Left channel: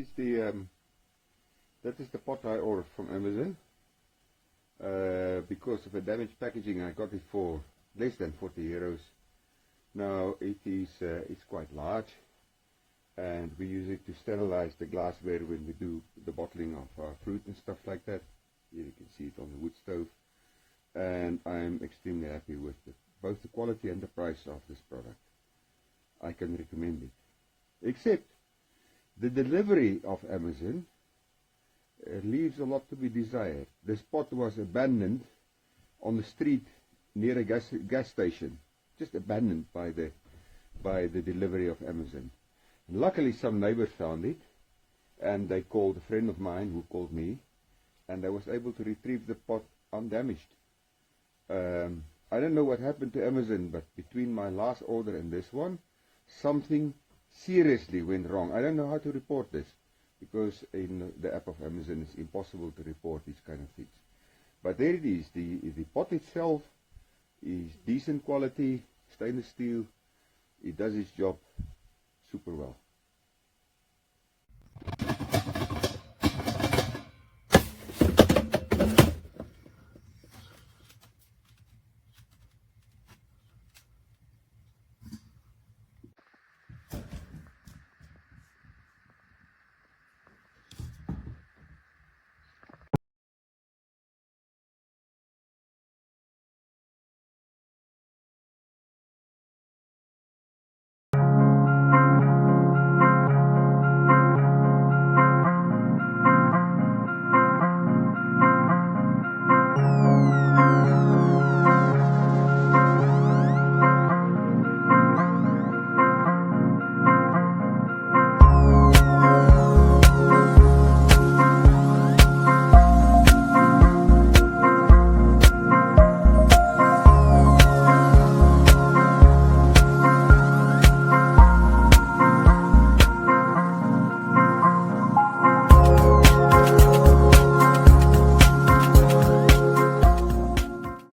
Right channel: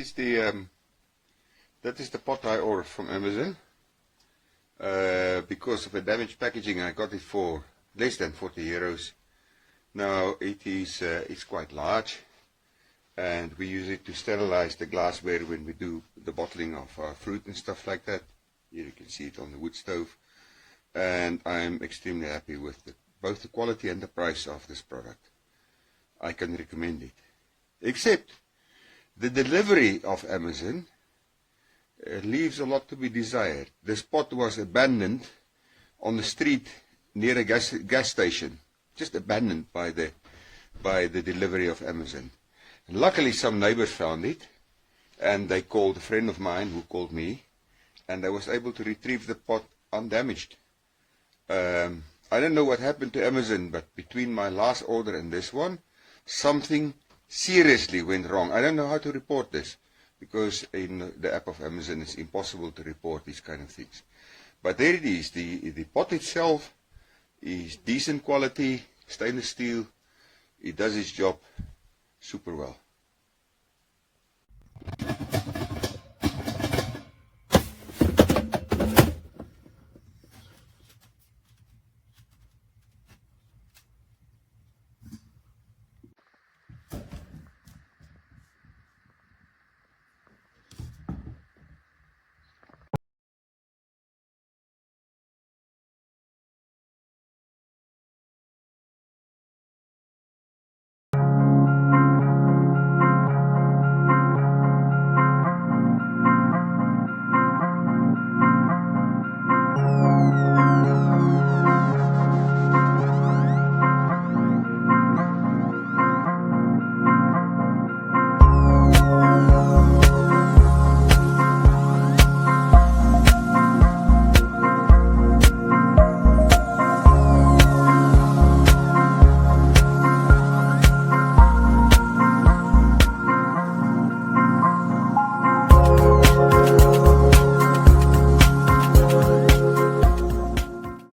is the pot I ordered from Amazon. Because of a damaged packaging, I got it for less than 40 euros. Now it's quite large, and we use it to sterilize the glassware when we do the bottling of fruit and stuff like that. Here you can see it on the wood stove, and I'm extremely happy with both the quality and the price of this product. I can recommend it, except the delivery of Amazon leaves a lot to be desired. This pot was abandoned on the street near a gas station, just abandoned by the delivery of Amazon. And luckily some neighbors found it, and they called a friend of mine who called me, and I was able to retrieve the pot undamaged. I don't know what happened to Amazon, but between my last order and this one, something seriously went wrong. I don't know how to report this, because in the app of Amazon it's impossible to report these kind of things. But there it is. The pot itself is decent quality, stainless steel. It does its job super well.